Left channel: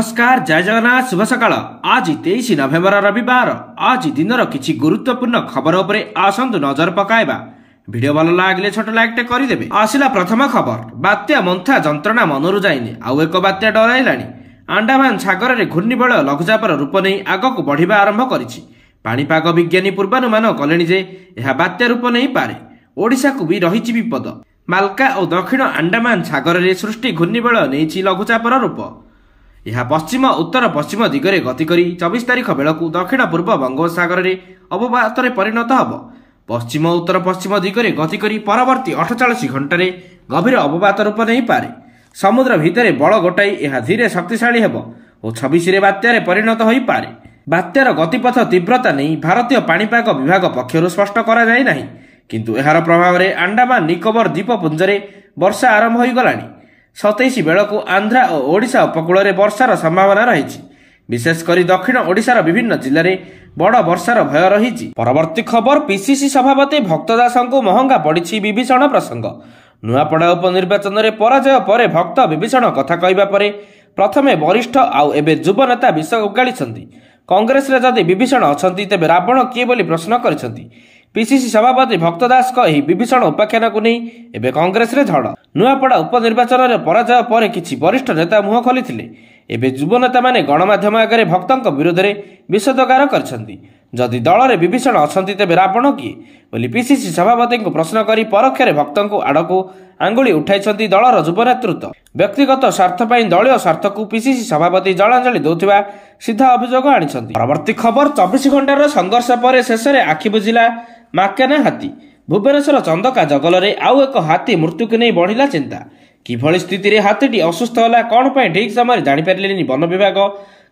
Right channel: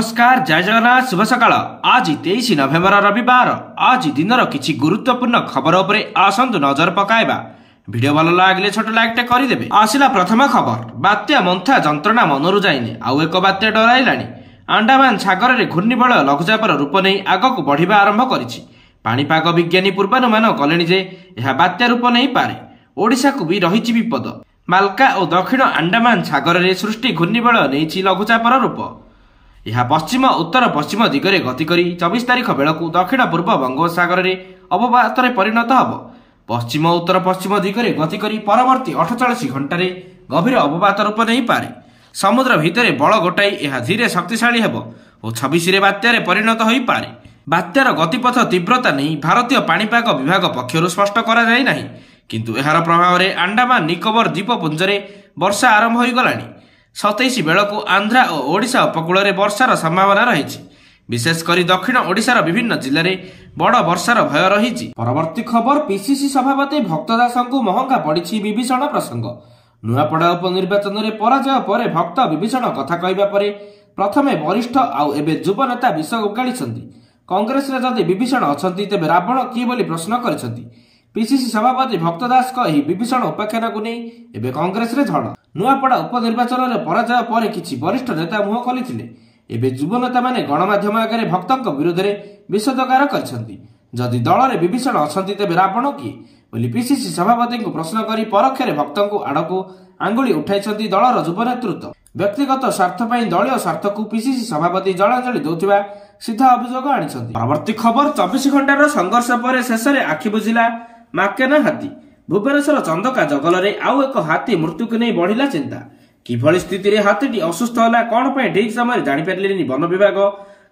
नमस्कार, जय जगन्नाथ, शुभ सकाळ। आज 23 नवेम्बर रविवार। आज दिनर किछि गुरुत्वपूर्ण खबर उपरे आसंतु नजर पकाइबा। वीडियो भल लागले छोट लाइक टे करिदेबे। आसिला प्रथम खबर, बात्या मंथा जंत्रणा मनरु जाइने आउ एक बात्या डराइलाणी। अंडमान सागर रे घूर्णिबलय लघुचापर रूप नै आगकु बढ़िबा आरंभ करिछि। पाणीपाग विज्ञानी पूर्वानुमान कलेଣି जे एहा बात्या रूप नै पारे। ओडिसा को भी रहिछि विपद। मालका और दक्षिण अंडमान सागर रे सृष्टि घूर्णिबलय नैछि लघुचापर रूप। यह पश्चिम उत्तर पश्चिम दिगरे गति करी 24 तारिख बेलकु दक्षिण पूर्व बंगोपसागर रे अवपातरे परिणत हब। पश्चिम उत्तर पश्चिम दिगरे गति करी परवर्ती 48 घंटे गभीर अवपात रूप नहीं पारे। समुद्र भितरे बल गोटाई यह धीरे शक्तिशाली हेब और 26 रे बात्यारे परिणत होई पारे। बात्यार गतिपथ तीव्रता नहीं भारतीय पाणीपाग विभाग पक्षरु स्पष्ट करा जाय नाही, किंतु एहार प्रभाव रे अंडमान निकोबर द्वीपपुंजरे वर्षा आरंभ होई गलानी। 27 बेलकु आंध्रा और ओडिशा उपकूल में वर्षार संभावना रही। विशेषकर दक्षिण ओडिशार विभिन्न जिले में बड़ वर्षार भय रही। परवर्ती खबर, पीसीसी सभापति भक्त दासଙ୍କୁ महंगा पड़ी विभीषण प्रसंग। नुआपड़ा उपनिर्वाचन में पराजय पर भक्त विभीषण कथा कहवा पर प्रथमे वरिष्ठ आउ एबे युव नेता विष उगाड़ी। कांग्रेस रे जदि विभीषण अछंती तेबे रावण किए बोली प्रश्न करिसंती। पीसीसी सभापति भक्त दास विभीषण उपाख्यान को नहीं एबे कांग्रेस रे झड़। नुआपड़ा उपनिर्वाचन में पराजय पर किछि वरिष्ठ नेता मुह खोलिथिले। एबे युव नेता माने गणमाध्यम आगे भक्तों विरोध में विषोदगार करछंती। जदि दल में विभीषण अछंती तेबे रावण किए बोली पीसीसी सभापति को प्रश्न करी परोक्षरे भक्तों आड़कू आंगुली उठाइछंती दलर युव नेतृत्व। व्यक्तिगत स्वार्थ पई दलीय स्वार्थ को पीसीसी सभापति जलांजलि देउथिबा सीधा अभियोग आनिछंती। परवर्ती खबर, 24 घंटार संघर्ष पर शेष में आखि बुझिला माकेना हाथी। भुवनेश्वर चंदका जंगल में आउ एक हाथी मृत्यु को नहीं बढ़िला चिंता। किभली स्थिति रे हाथीटी असुस्थ होला कौन पे ठीक समय जानि पारिलेनी वन विभाग,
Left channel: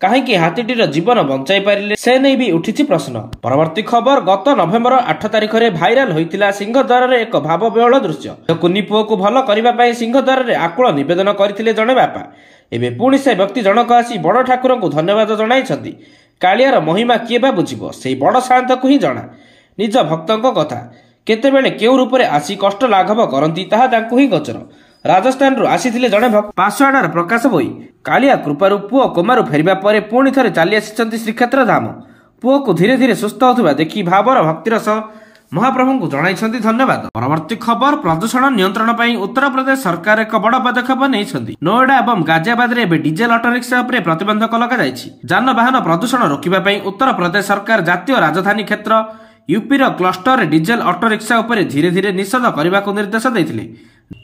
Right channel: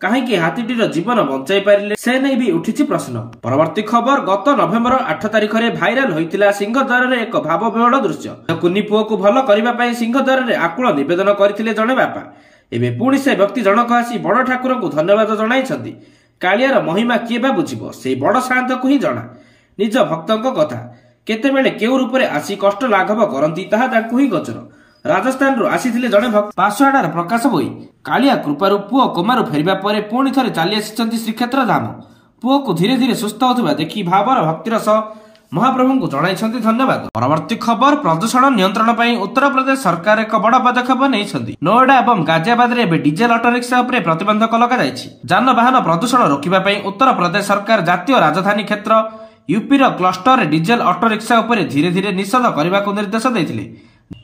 काहेकि हाथीटीर जीवन बंचाई पारिले से नहीं भी उठिछि प्रश्न। परवर्ती खबर, गत नवेम्बर 8 तारिख रे भाइराल होइतिला सिंहद्वार रे एक भावविह्वल दृश्य। कुनी पुओ को भल करिबा पई सिंहद्वार रे आकुल निवेदन करथिले जणे बापा। एबे पुणी से व्यक्ति जनक आसी बड़ ठाकुर को धन्यवाद जणाइछंती। कालियार महिमा किए बा बुझिबो, सेई बड़ शांत को ही जणा। निज भक्तों कथा केतेबेले केउ रूप में आसी कष्ट लाघव करती ताहा तांकु ही गोचर। राजस्थान रु आसीथिले जणे भक्त पासवाडार प्रकाश बोई। कालिया कृपारु पुओ कोमारु फेरिबा परे पुणी थरे चली आसिछंती श्रीक्षेत्र धाम। पुओ को धीरे धीरे सुस्थ होतबा देखि भावर भक्तिर सह महाप्रभु को जणाइछंती धन्यवाद। परवर्ती खबर, प्रदूषण नियंत्रण पई उत्तर प्रदेश सरकार एक बड़ पदक्षेप नेइछंती। नोएडा एवं गाजियाबाद रे एबे डीजेल ऑटो रिक्शा उपरे प्रतिबंधक लगा जायछि। जानवाहन प्रदूषण रोकिबा पई उत्तर प्रदेश सरकार जातीय राजधानी क्षेत्र यूपी रो क्लस्टर रे डीजेल ऑटो रिक्शा उपरे धीरे धीरे निषेध करने को निर्देश देथिले।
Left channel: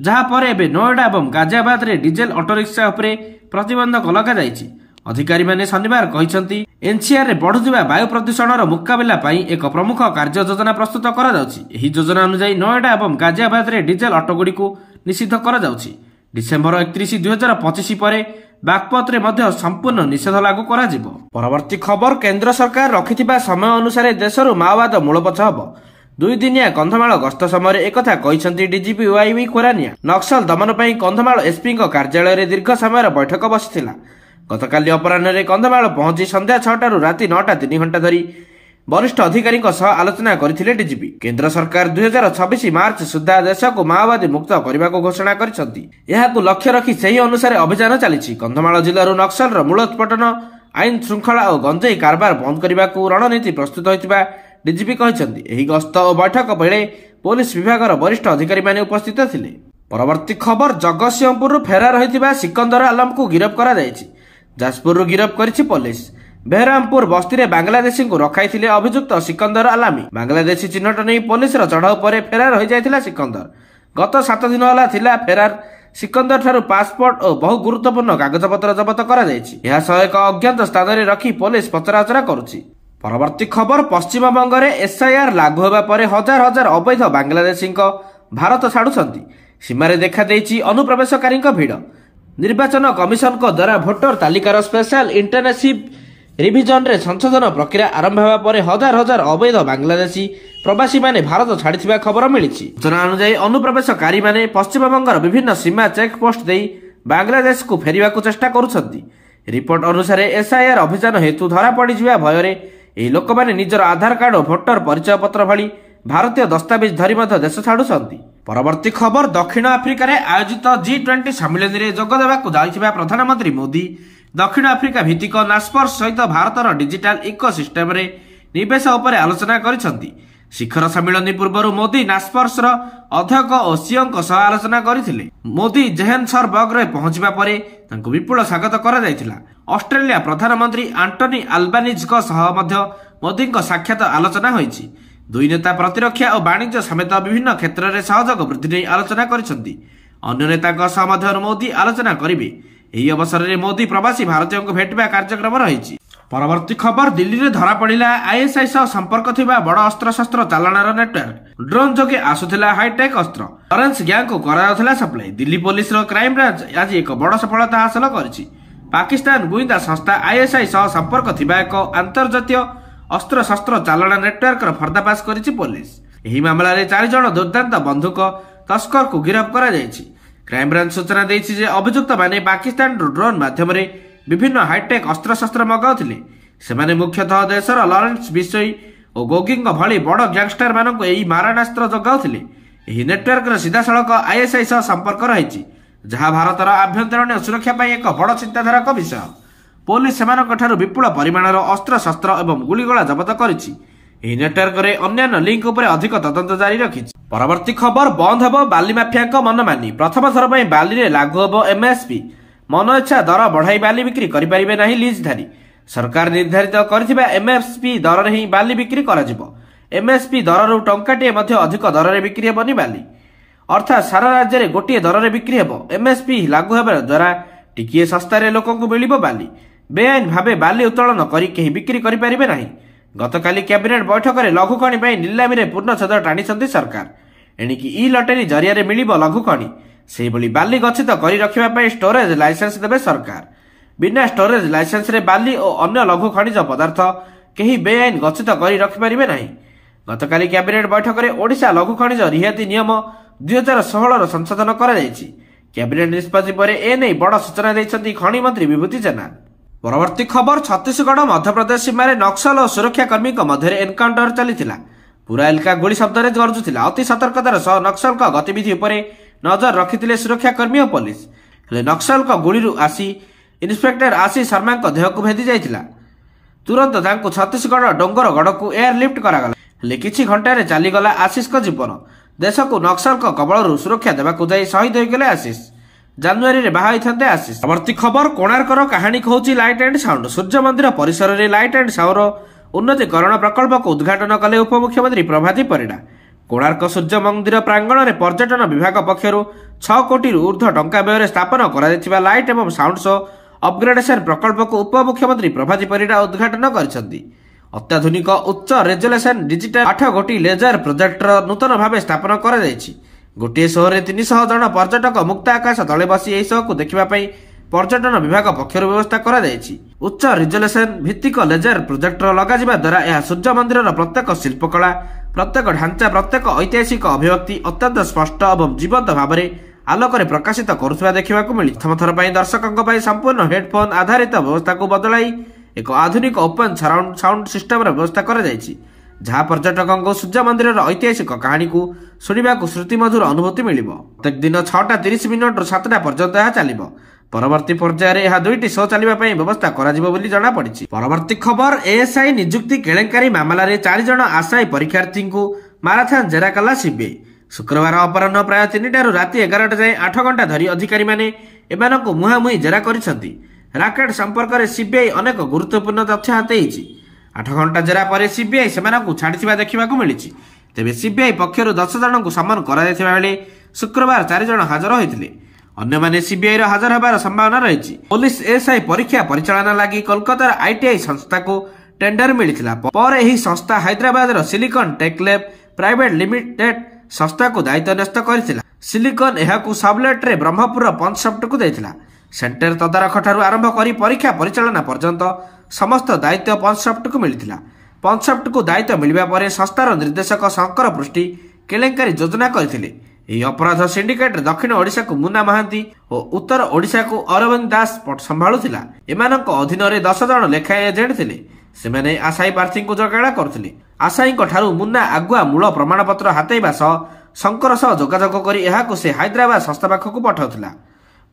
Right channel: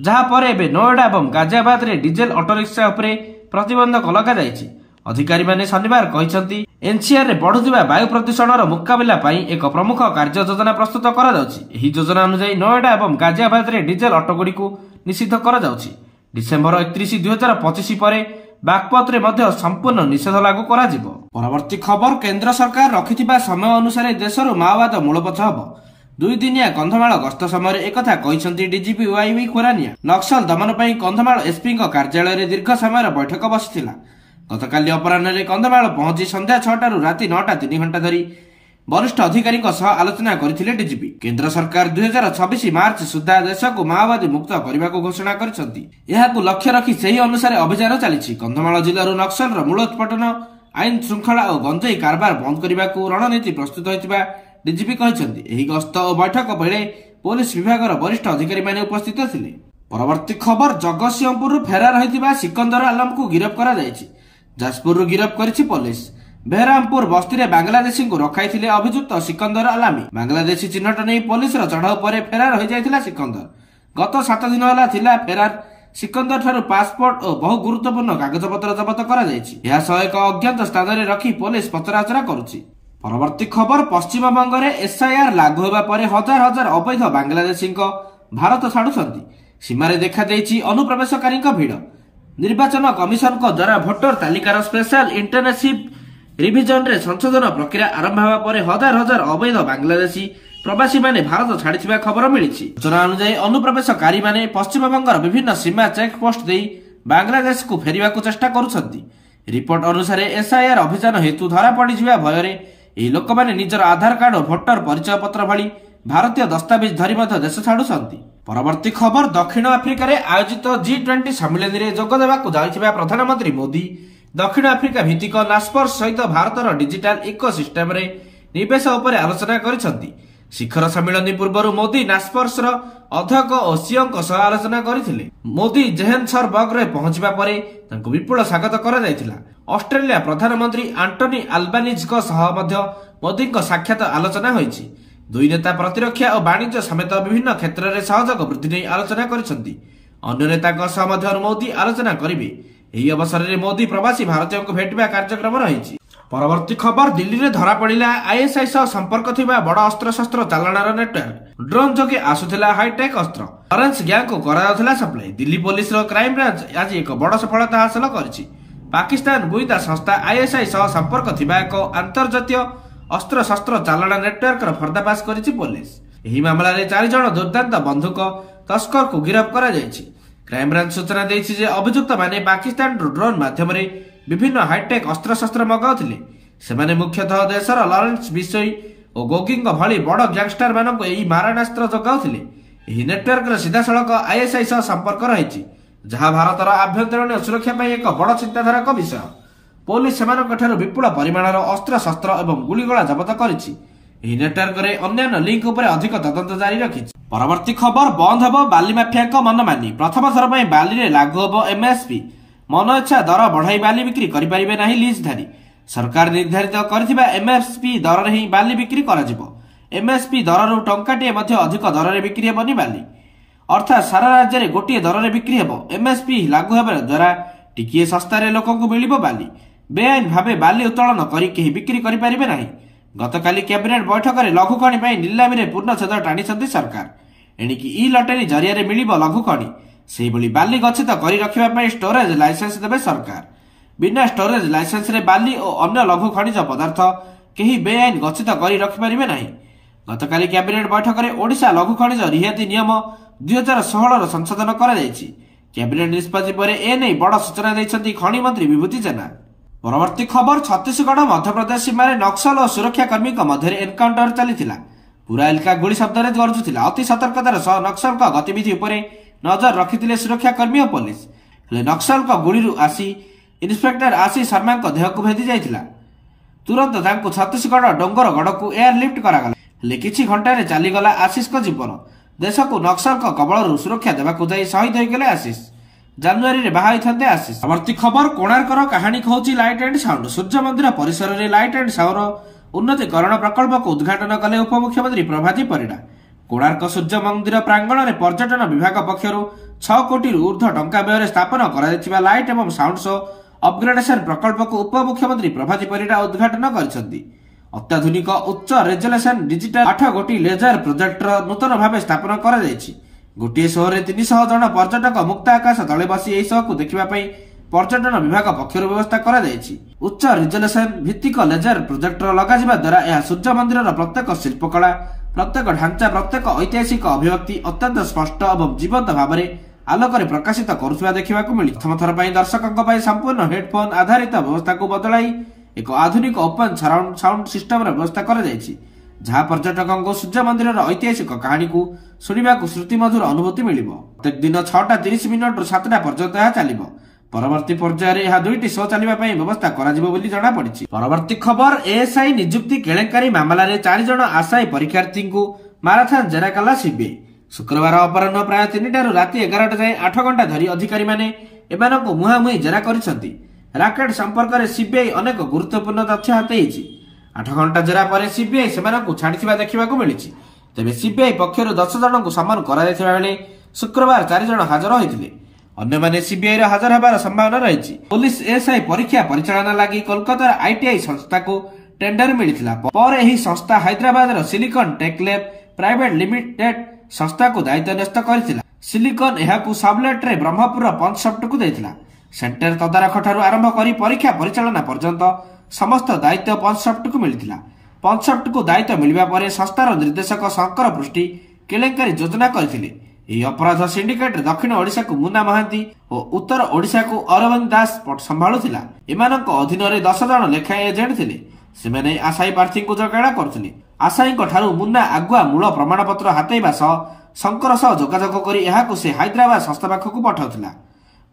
जहा पर एबे नोएडा एवं गाजियाबाद रे डीजेल ऑटो रिक्शा उपरे प्रतिबंधक लगा जायछि। अधिकारी माने शनिवार कहिसंती एनसीआर रे बढ़ुथिबा वायु प्रदूषणर मुकाबिला पई एक प्रमुख कार्य योजना प्रस्तुत करा जाउछि। एही योजना अनुसार नोएडा एवं गाजियाबाद रे डीजेल ऑटो गुडी को निषिद्ध करा जाउछि। डिसेंबर 31, 2025 परे बागपत रे मध्य संपूर्ण निषेध लागू करा जिवो। परवर्ती खबर, केंद्र सरकार रखिथिबा समय अनुसार देशरु माओवाद मूलपोछ हबो। 2 दिनिया कंधमाल गस्त समय एकथा कहिसंती डीजीपी वाईवी खोरानिया। नक्सल दमन पई कंधमाल एसपी कार्यालय रे दीर्घ समय बैठक बसिथिला। गतकाली अपराह्न रे कंधमाल पहुंची संध्या 6 रु राति 9 3 घंटा धरी वरिष्ठ अधिकारी आलोचना करथिले डीजीपी। केंद्र सरकार 2026 मार्च सुधा देश को माओवादी मुक्त करने को घोषणा करिसंती। एहाकु लक्ष्य रखी सही अनुसार अभियान चलिछि। कंधमाल जिल्लारू नक्सल मूलोत्पाटन, आईन श्रृंखला और गंजेई कारबार बंद करने को रणनीति प्रस्तुत होइतिबा डीजीपी कहिसंती। एही गस्त और बैठक बेले पुलिस विभागर वरिष्ठ अधिकारी माने उपस्थित थिले। परवर्ती खबर, जगतसिंहपुर फेरार होइतिबा सिकंदर आलम को गिरफ्त करा जायछि। जाजपुर गिरफ्त करिछि पुलिस। बेहरामपुर बस्ती रे बांग्लादेशी को रखाई अभियुक्त सिकंदर आलामी। बांग्लादेशी चिन्हट नहीं पुलिस चढ़ाऊ पर फेरार हो जाइथिला सिकंदर। गत 7 दिन होला थिला फेरार। सिकंदर ठारू पासपोर्ट और बहु गुरुत्वपूर्ण कागजपत्र जबत करा जायछि। एहा सह एक अज्ञात स्थान रे रखी पुलिस पचराउचरा करुछि। परवर्ती खबर, पश्चिम बंग रे एसआईआर लागू होबा परे हजार हजार अवैध बांग्लादेशी भारत छाड़ुछंती। सीमा रे देखा देइछि अनुप्रवेशकारी भीड़। निर्वाचन कमिशन को द्वारा भोटर तालिकार स्पेशल इंटरनेसिव रिविजन रे संशोधन प्रक्रिया आरंभ होगा पर हजार हजार अवैध बांग्लादेशी प्रवासी माने भारत छाड़ी खबर मिली। सूचना अनुसार अनुप्रवेशकारी माने पश्चिम बंगर विभिन्न सीमा चेक पोस्ट दे बांग्लादेश को फेरिबा को चेष्टा करुछंती। रिपोर्ट अनुसार एसआईआर अभियान हेतु धरा पड़ जा भय एही लोक माने निजर आधार कार्ड और भोटर परिचय पत्र भली भारतीय दस्तावेज धरी देश छाड़ुछंती। परवर्ती खबर, दक्षिण आफ्रिका रे आयोजित G20 सम्मेलन रे जोग देबाकू जाइथिबा प्रधानमंत्री मोदी दक्षिण आफ्रिका भित्तिक नास्पर्स सहित भारतर डिजिटाल इकोसिस्टम निवेश उपरे आलोचना करिसंती। शिखर सम्मिलन पूर्व मोदी नास्पर्स अध्यक्ष और सीओ सह आलोचना करथिले। मोदी जोहान्सबर्ग रे पहुंचबा परे तांको विपुल स्वागत करा जायतिला। ऑस्ट्रेलिया प्रधानमंत्री एंटनी अल्बानीज को सह मध्य मोदी साक्षात आलोचना होईछि। दुई नेता प्रतिरक्षा और वाणिज्य समेत विभिन्न क्षेत्र में सहयोग वृद्धि नहीं आलोचना करिसंती। अन्य नेता सह मध्य मोदी आलोचना करिवे। एही अवसर में मोदी प्रवासी भारतीयों को भेटवा कार्यक्रम रही। परवर्ती खबर दिल्ली में धरा पड़ा आईएसआई सह संपर्क थिबा बड़ अस्त्र शस्त्र चालाणार नेटवर्क ड्रोन जोगे आसुथिला हाईटेक अस्त्र लॉरेंस गैंग को कराउथिला supply. Delhi police crime branch आज एक बड़ सफलता हासिल करिछि। पाकिस्तान गुइंदा संस्था आईएसआई सह संपर्क थिबा एक अंतर्जातीय अस्त्र शस्त्र चालाण नेटवर्क पर्दाफाश करिछि पुलिस। एही मामला रे 4 जण दुर्दांत बंधुक तस्कर को गिरफ्त करा जायछि। क्राइम ब्रांच सूचना देछि जे अभियुक्त माने पाकिस्तान ड्रोन माध्यम रे विभिन्न हाईटेक अस्त्र शस्त्र मगाउथिले। सेमाने मुख्यतः देशर लॉरेंस बिशोई और गोगिंग भली बड़ गैंगस्टर मानक एही मारणास्त्र जगाउथिले। एही नेटवर्क रे सीधासळख आईएसआई सह संपर्क रहिछि, जहा भारतर आभ्यंतरीण सुरक्षा पई एक बड़ चिंताधारक विषय। पुलिस सेमानकठारु विपुल परिमाणर अस्त्र शस्त्र एवं गुलीगोला जब्त करिछि। एही नेटवर्क रे अन्य लिंक उपरे अधिक तदंत जारी रखिछि। परवर्ती खबर बंद हेबो बाली माफिया मनमानी। प्रथम थर पई बाली रे लागू हेबो एमएसपी। मन इच्छा दर बढ़ाई बाली बिक्री करिपारिबे नाही लीजधारी। सरकार निर्धारित करथिबा एमएसपी दर रे ही बाली बिक्री कराजिबो। एमएसपी दररु टंकाटे मध्ये अधिक दर रे बिक्री हेबोनी बाली। अर्थात सारा राज्य रे गोटिए दर रे बिक्री हेबो। एमएसपी लागू हेबा द्वारा टिकिए सस्ता रे लोकंकु मिलिबो बाली। बेआईन भावे बाली उत्तोलन करी केही बिक्री करिपारिबे नाही। गतकाली कैबिनेट बैठक में लघु खणी पई निलामी रे पूर्णछेद टाणीछंती सरकार। एणिकी ई लटरी जरिया रे मिलिबो लघु खणी। सेही भली बाली गच्छित करी रखिबा पई स्टोरेज लाइसेंस देबे सरकार। बिना स्टोरेज लाइसेंस रे बाली और अन्य लघु खनिज पदार्थ केही बेआईन गच्छित करी रखि परिबे नाही। गतकाली कैबिनेट बैठक में ओडिशा लघु खनिज रिहाती नियम 2016 रो संशोधन करा जायछि। कैबिनेट निष्पत्ति पर एने बड़ सूचना दैछंती खनि मंत्री विभूति जेना। परवर्ती खबर छत्तीसगढ़ मध्यप्रदेश सीमार नक्सल और सुरक्षाकर्मी मध्य एनकाउंटर चली। पूरा इलाका गोली शब्द गरजुला। अति सतर्कतार सह नक्सल गतिविधि उपरे नजर रखिथिले सुरक्षाकर्मी और पुलिस। हेले नक्सल गुली आसी इन्स्पेक्टर आशीष शर्मा देह को भेदी जाइथिला। तुरंत तांको छत्तीसगढ़ डोंगरगढ़ को एयरलिफ्ट करागला। हेले किछि घंटारे चलीगला आशीष को जीवन। देश को नक्सल कबल सुरक्षा देवाकू जाई शहीद होइगले आशीष। जानुआरी रे बाहा होइथांते आशीष। परवर्ती खबर कोणार्कर कहानी कहूची लाइट एंड साउंड। सूर्य मंदिर परिसर रे लाइट एंड साउंड उन्नतीकरण प्रकल्प को उद्घाटन कले उपमुख्यमंत्री प्रभाती परिडा। कोणार्क सूर्य मंदिर प्रांगण में पर्यटन विभाग पक्षर 6 कोटी ऊर्ध्व टंका व्यय स्थापन कर लाइट एवं साउंड शो अपग्रेडेशन प्रकल्प को उपमुख्यमंत्री प्रभाती परिडा उद्घाटन कर। अत्याधुनिक उच्च रेजोल्यूशन डिजिटल 8 गोटी लेजर प्रोजेक्टर नूतन भाव स्थापन कर। गोटे शो रे 300 जन पर्यटक मुक्त आकाश तले बसी एही शो को देखिबा पई पर्यटन विभाग पक्षर व्यवस्था करा जायछि। उच्च रिजोल्यूशन भित्तिक लेजर प्रोजेक्टर लगाजिबा द्वारा यह सूर्य मंदिर प्रत्येक शिल्पकला, प्रत्येक ढांचा, प्रत्येक ऐतिहासिक अभिव्यक्ति अत्यंत स्पष्ट और जीवंत भाव में आलोक प्रकाशित करुवा देखा मिली। प्रथम थर पर दर्शकों संपूर्ण हेडफोन आधारित व्यवस्था को बदलाई एक आधुनिक ओपन सराउंड साउंड सिस्टम व्यवस्था कर जहाँ पर्यटकों को सूर्य मंदिर ऐतिहासिक कहानी को शुणा श्रुति मधुर अनुभूति मिल। प्रत्येक दिन 6:30 मिनट 7टा पर्यंत यह चल। परवर्ती पर्यायर यह 2टी शो चलने व्यवस्था करा। परवर्ती खबर एएसआई नियुक्ति केलेंकारी मामला रे 4 जन आशायी परीक्षार्थी को माराथन जेरा कला सीबीआई। शुक्रवार अपराह्न प्राय 3टारू राति 11टा जाए 8 घंटा धरी अधिकारी माने एमानकु मुहामुही जेरा करिसंती। राकेट संपर्क में सीबीआई अनेक गुरुत्वपूर्ण तथ्य हातेइछि। 8 घंटा जेरा पर सीबीआई सेमानकु छाड़िथिबा देखिबाकु मिलिछि। तेबे सीबीआई पक्षरु 10 जनकु सम्मान करा जायथिबा बेले शुक्रवार 4 जन हाजर होइथिले। अन्य माने सीबीआई रो हाजर होबार संभावना रहिछि। पुलिस एएसआई परीक्षा परिचालन लागि कोलकाता आईटीआई संस्था को टेंडर मिलिथिला। पर एही संस्था हैदराबाद रो silicon tech lab private limited संस्था को दायित्व न्यस्त करथिला। सिलिकॉन एहाकु सबलेट रे ब्रह्मपुर पंचसफ्ट को दैथिला। सेंटर तदारख ठारू आरंभ करी परीक्षा परिचालन पर्यंत समस्त दायित्व पंचसफ्ट को मिलिथिला। पंचसफ्ट को दायित्व मिलिबा परे संस्थार निर्देशक शंकर पृष्टि केलेंकारी योजना करथिले। ଏହି ଅପରାଧ ସିଣ୍ଡିକେଟ ଦକ୍ଷିଣ ଓଡ଼ିଶାକୁ ମୁନା ମହାନ୍ତି ଓ ଉତ୍ତର ଓଡ଼ିଶାକୁ ଅରବିନ୍ଦ ଦାସ ସମ୍ଭାଳୁଥିଲା। ଏମାନଙ୍କ ଅଧୀନରେ 10 ଜଣ ଲେଖାଏଁ ଏଜେଣ୍ଟ ଥିଲେ। ସେମାନେ ଆଶାୟୀ ପ୍ରାର୍ଥୀଙ୍କୁ ଯୋଗାଡ଼ କରୁଥିଲେ। ଆଶାୟୀଙ୍କ ଠାରୁ ମୁନା ଆଗୁଆ ମୂଳ ପ୍ରମାଣପତ୍ର ହାତେଇବା ସହ ଶଙ୍କର ସହ ଯୋଗାଯୋଗ କରି ଏହାକୁ ସେ ହାଇଦ୍ରାବାଦ ସଂସ୍ଥା ପାଖକୁ ପଠାଉଥିଲା।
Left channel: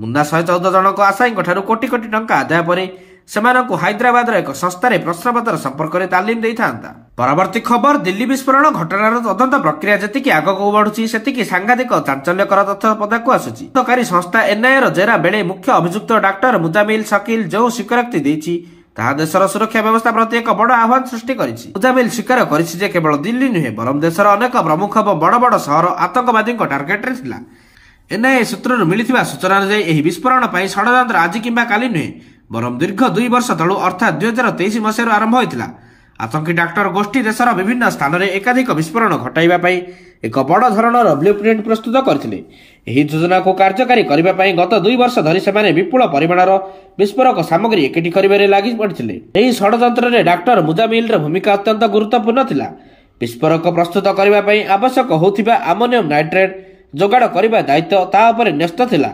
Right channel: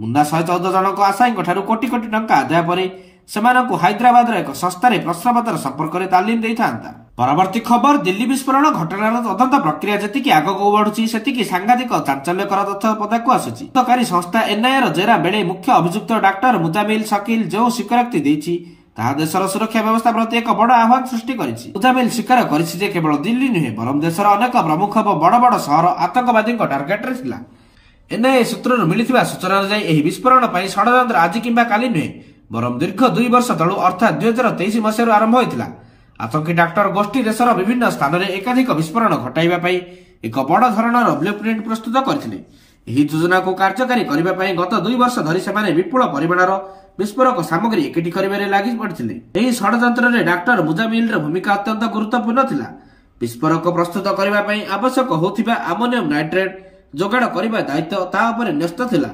ମୁନ୍ଦା 114 ଜଣଙ୍କ ଆଶାୟୀଙ୍କଠାରୁ କୋଟି କୋଟି ଟଙ୍କା ଆଦାୟ ପରେ ସେମାନଙ୍କୁ ହାଇଦ୍ରାବାଦର ଏକ ସଂସ୍ଥାରେ ପ୍ରଶ୍ନପତ୍ର ସମ୍ପର୍କରେ ତାଲିମ ଦେଇଥାନ୍ତା। ପରବର୍ତ୍ତୀ ଖବର, ଦିଲ୍ଲୀ ବିସ୍ଫୋରଣ ଘଟଣାର ତଦନ୍ତ ପ୍ରକ୍ରିୟା ଯେତିକି ଆଗକୁ ବଢୁଛି ସେତିକି ସାଂଘାତିକ ଚାଞ୍ଚଲ୍ୟକର ତଥ୍ୟ ପଦାକୁ ଆସୁଛି। ତଦନ୍ତକାରୀ ସଂସ୍ଥା ଏନ୍ଆଇଏର ଜେରା ବେଳେ ମୁଖ୍ୟ ଅଭିଯୁକ୍ତ ଡାକ୍ତର ମୁଜାମିଲ ଶକିଲ ଯେଉଁ ସ୍ୱୀକାରୋକ୍ତି ଦେଇଛି ତାହା ଦେଶର ସୁରକ୍ଷା ବ୍ୟବସ୍ଥା ପ୍ରତି ଏକ ବଡ଼ ଆହ୍ୱାନ ସୃଷ୍ଟି କରିଛି। ମୁଜାମିଲ ସ୍ୱୀକାର କରିଛି ଯେ କେବଳ ଦିଲ୍ଲୀ ନୁହେଁ ବରଂ ଦେଶର ଅନେକ ପ୍ରମୁଖ ଏବଂ ବଡ଼ ବଡ଼ ସହର ଆତଙ୍କବାଦୀଙ୍କ ଟାର୍ଗେଟରେ ଥିଲା। ଏନ୍ଆଇଏ ସୂତ୍ରରୁ ମିଳିଥିବା ସୂଚନା ଅନୁଯାୟୀ ଏହି ବିସ୍ଫୋରଣ ପାଇଁ ଷଡ଼ଯନ୍ତ୍ର ଆଜି କିମ୍ବା କାଲି ନୁହେଁ ବରଂ ଦୀର୍ଘ 2 ବର୍ଷ ତଳୁ ଅର୍ଥାତ୍ 2023 ମସିହାରୁ ଆରମ୍ଭ ହୋଇଥିଲା। ଆତଙ୍କୀ ଡାକ୍ତର ଗୋଷ୍ଠୀ ଦେଶର ବିଭିନ୍ନ ସ୍ଥାନରେ ଏକାଧିକ ବିସ୍ଫୋରଣ ଘଟାଇବା ପାଇଁ ଏକ ବଡ଼ ଧରଣର ବ୍ଲୁପ୍ରିଣ୍ଟ ପ୍ରସ୍ତୁତ କରିଥିଲେ। ଏହି ଯୋଜନାକୁ କାର୍ଯ୍ୟକାରୀ କରିବା ପାଇଁ ଗତ 2 ବର୍ଷ ଧରି ସେମାନେ ବିପୁଳ ପରିମାଣର ବିସ୍ଫୋରକ ସାମଗ୍ରୀ ଏକାଠି କରିବାରେ ଲାଗି ପଡ଼ିଥିଲେ। ଏହି ଷଡ଼ଯନ୍ତ୍ରରେ ଡାକ୍ତର ମୁଜାମିଲର ଭୂମିକା ଅତ୍ୟନ୍ତ ଗୁରୁତ୍ୱପୂର୍ଣ୍ଣ ଥିଲା। ବିସ୍ଫୋରକ ପ୍ରସ୍ତୁତ କରିବା ପାଇଁ ଆବଶ୍ୟକ ହେଉଥିବା ଆମୋନିୟମ ନାଇଟ୍ରେଟ୍ ଯୋଗାଡ଼ କରିବା ଦାୟିତ୍ୱ ତା ଉପରେ ନ୍ୟସ୍ତ ଥିଲା।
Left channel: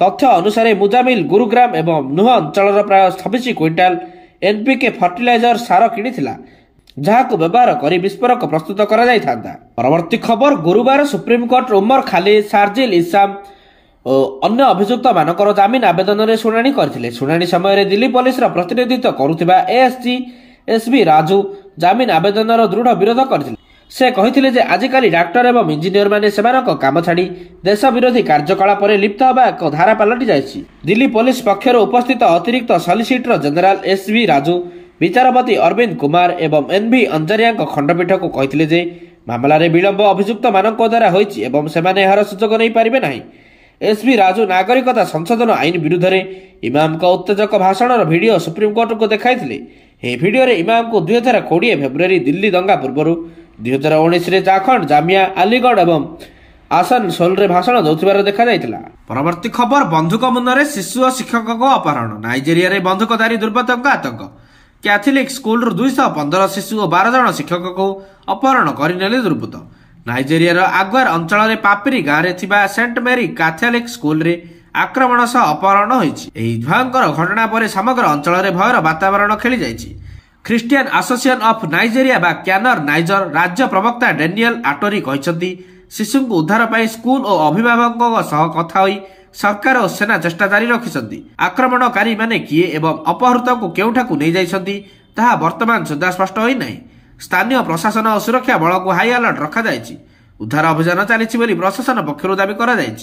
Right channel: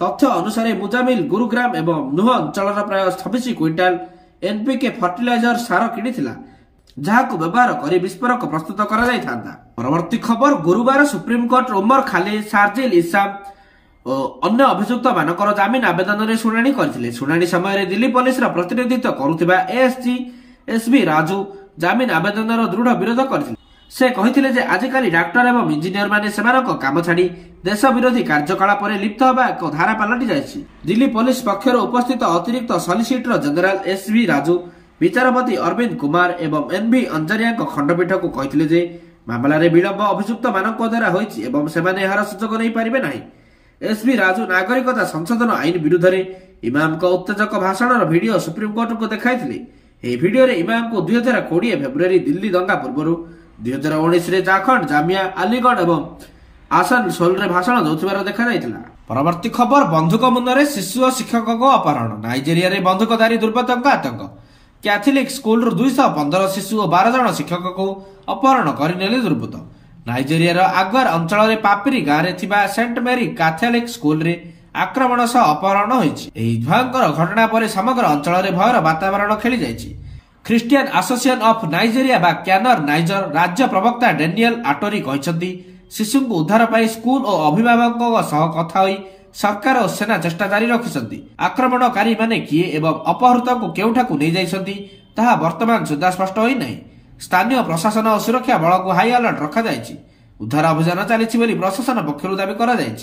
ତଥ୍ୟ ଅନୁସାରେ ମୁଜାମିଲ ଗୁରୁଗ୍ରାମ ଏବଂ ନୁହ ଅଞ୍ଚଳର ପ୍ରାୟ 26 କ୍ୱିଣ୍ଟାଲ ଏନ୍ପିକେ ଫର୍ଟିଲାଇଜର ସାର କିଣିଥିଲା ଯାହାକୁ ବ୍ୟବହାର କରି ବିସ୍ଫୋରକ ପ୍ରସ୍ତୁତ କରାଯାଇଥାନ୍ତା। ପରବର୍ତ୍ତୀ ଖବର, ଗୁରୁବାର ସୁପ୍ରିମକୋର୍ଟ ଉମର ଖାଲିଦ, ସାର୍ଜିଲ ଇସାମ ଓ ଅନ୍ୟ ଅଭିଯୁକ୍ତମାନଙ୍କର ଜାମିନ ଆବେଦନରେ ଶୁଣାଣି କରିଥିଲେ। ଶୁଣାଣି ସମୟରେ ଦିଲ୍ଲୀ ପୋଲିସର ପ୍ରତିନିଧିତ୍ୱ କରୁଥିବା ଏଏସଜି ଏସବି ରାଜୁ ଜାମିନ ଆବେଦନର ଦୃଢ଼ ବିରୋଧ କରିଥିଲେ। ସେ କହିଥିଲେ ଯେ ଆଜିକାଲି ଡାକ୍ତର ଏବଂ ଇଞ୍ଜିନିୟରମାନେ ସେମାନଙ୍କ କାମ ଛାଡ଼ି ଦେଶ ବିରୋଧୀ କାର୍ଯ୍ୟକଳାପରେ ଲିପ୍ତ ହେବା ଏକ ଧାରା ପାଲଟି ଯାଇଛି। ଦିଲ୍ଲୀ ପୋଲିସ ପକ୍ଷରୁ ଉପସ୍ଥିତ ଅତିରିକ୍ତ ସଲିସିଟର ଜେନେରାଲ ଏସବି ରାଜୁ ବିଚାରପତି ଅରବିନ୍ଦ କୁମାର ଏବଂ ଏନ୍ଭି ଅଞ୍ଜରିଆଙ୍କ ଖଣ୍ଡପୀଠକୁ କହିଥିଲେ ଯେ ମାମଲାରେ ବିଳମ୍ବ ଅଭିଯୁକ୍ତମାନଙ୍କ ଦ୍ୱାରା ହୋଇଛି ଏବଂ ସେମାନେ ଏହାର ସୁଯୋଗ ନେଇପାରିବେ ନାହିଁ। ଏସବି ରାଜୁ ନାଗରିକତା ସଂଶୋଧନ ଆଇନ ବିରୁଦ୍ଧରେ ଇମାମଙ୍କ ଉତ୍ତେଜକ ଭାଷଣର ଭିଡିଓ ସୁପ୍ରିମକୋର୍ଟଙ୍କୁ ଦେଖାଇଥିଲେ। ଏହି ଭିଡିଓରେ ଇମାମଙ୍କୁ 2020 ଫେବୃଆରୀ ଦିଲ୍ଲୀ ଦଙ୍ଗା ପୂର୍ବରୁ 2019ରେ ଜାଖଣ୍ଡ, ଜାମିଆ, ଆଲିଗଡ଼ ଏବଂ ଆସାନସୋଲରେ ଭାଷଣ ଦେଉଥିବାର ଦେଖାଯାଇଥିଲା। ପରବର୍ତ୍ତୀ ଖବର, ବନ୍ଧୁକ ମୁନରେ ଶିଶୁ ଓ ଶିକ୍ଷକଙ୍କ ଅପହରଣ। ନାଇଜେରିଆରେ ବନ୍ଧୁକଧାରୀ ଦୁର୍ବୃତ୍ତଙ୍କ ଆତଙ୍କ। କ୍ୟାଥଲିକ ସ୍କୁଲରୁ 215 ଶିଶୁ ଓ 12 ଜଣ ଶିକ୍ଷକଙ୍କୁ ଅପହରଣ କରିନେଲେ ଦୁର୍ବୃତ୍ତ। ନାଇଜେରିଆର ଆଗ୍ୱାର ଅଞ୍ଚଳରେ ପାପିରି ଗାଁରେ ଥିବା ସେଣ୍ଟ ମେରି କ୍ୟାଥଲିକ ସ୍କୁଲରେ ଆକ୍ରମଣ ସହ ଅପହରଣ ହୋଇଛି। ଏହି ଭୟଙ୍କର ଘଟଣା ପରେ ସମଗ୍ର ଅଞ୍ଚଳରେ ଭୟର ବାତାବରଣ ଖେଳିଯାଇଛି। ଖ୍ରୀଷ୍ଟିଆନ ଆସୋସିଏସନ ଅଫ୍ ନାଇଜେରିଆ ବା କ୍ୟାନର ନାଇଜର ରାଜ୍ୟ ପ୍ରବକ୍ତା ଡେନିଏଲ ଆଟୋରି କହିଛନ୍ତି ଶିଶୁଙ୍କୁ ଉଦ୍ଧାର ପାଇଁ ସ୍କୁଲ ଓ ଅଭିଭାବକଙ୍କ ସହ କଥା ହୋଇ ସରକାର ଓ ସେନା ଚେଷ୍ଟା ଜାରି ରଖିଛନ୍ତି। ଆକ୍ରମଣକାରୀମାନେ କିଏ ଏବଂ ଅପହୃତଙ୍କୁ କେଉଁଠାକୁ ନେଇଯାଇଛନ୍ତି ତାହା ବର୍ତ୍ତମାନ ସୁଦ୍ଧା ସ୍ପଷ୍ଟ ହୋଇନାହିଁ। ସ୍ଥାନୀୟ ପ୍ରଶାସନ ଓ ସୁରକ୍ଷା ବଳକୁ ହାଇ ଆଲର୍ଟ ରଖାଯାଇଛି। ଉଦ୍ଧାର ଅଭିଯାନ ଚାଲିଛି ବୋଲି ପ୍ରଶାସନ ପକ୍ଷରୁ ଦାବି କରାଯାଇଛି।